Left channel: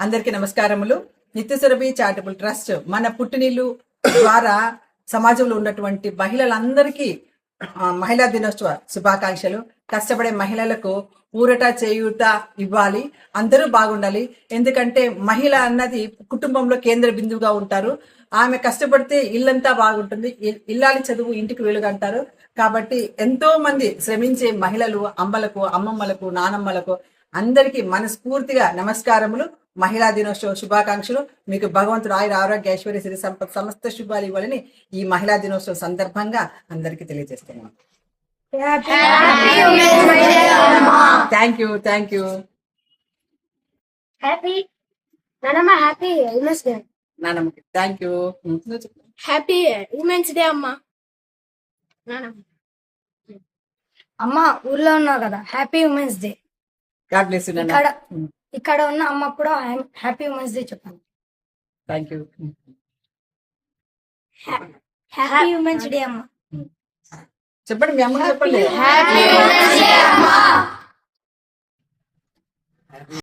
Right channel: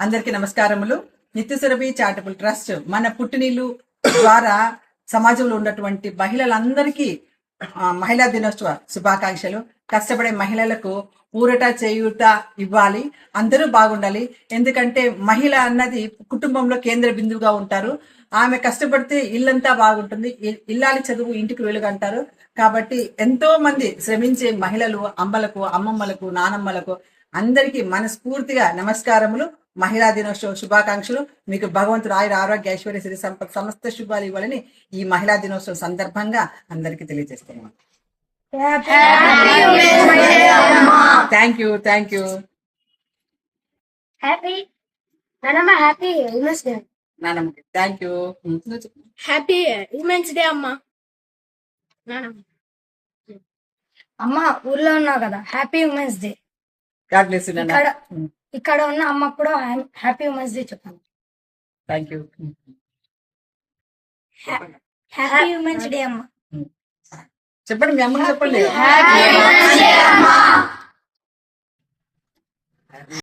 అందరికీ నమస్కారములు. నిత్యసురభి charitable trust మన పుట్టినీళ్ళు ద్వారా సమాజంలో ఉన్నటువంటి మహిళలందరికీ మహిళా దినోత్సవ శుభాకాంక్షలు. కష్టపడే మహిళలకు ఊరట చేయూత ఇవ్వాలి, అందరూ బాగుండాలి. ఎందుకంటే మహిళ అన్నది కుటుంబంలో కేంద్ర బిందువుగా ఉంటారు. ఆమె కష్టపడితే ఇల్లంతా బాగుంటుంది. ఇల్లాలి చదువు ఇంటికి వెలుగంటారు. కాబట్టి ఎంతో మంది శ్రమించే మహిళలు, అమ్మలకు, అమ్మమ్మలకు, నానమ్మలకు అందరికీ మనస్ఫూర్తిగా నమస్కారములు. మహిళా దినోత్సవ శుభాకాంక్షలు. మీకు భగవంతుడు ఆయుర ఆరోగ్య ఐశ్వర్య సిరి సంపద సమస్త శుభాలు ఇవ్వాలని ఈ మహిళా దినోత్సవం సందర్భంగా అందరికీ తెలియజేస్తున్నాను. Thank you. Happy women's day. నానమ్మకి thank you. Happy women's day అమ్మా. అమ్మ ఊర్లో ఉన్నావు కదా, happy women's day. God bless you. ఇక్కడ ఉన్న అమ్మకు కూడా హ్యాపీ ఉమెన్స్ డే చెప్పాను. Thank you. Happy women's day అమ్మ. చెప్పండి, మీ అమ్మకి చెప్పండి.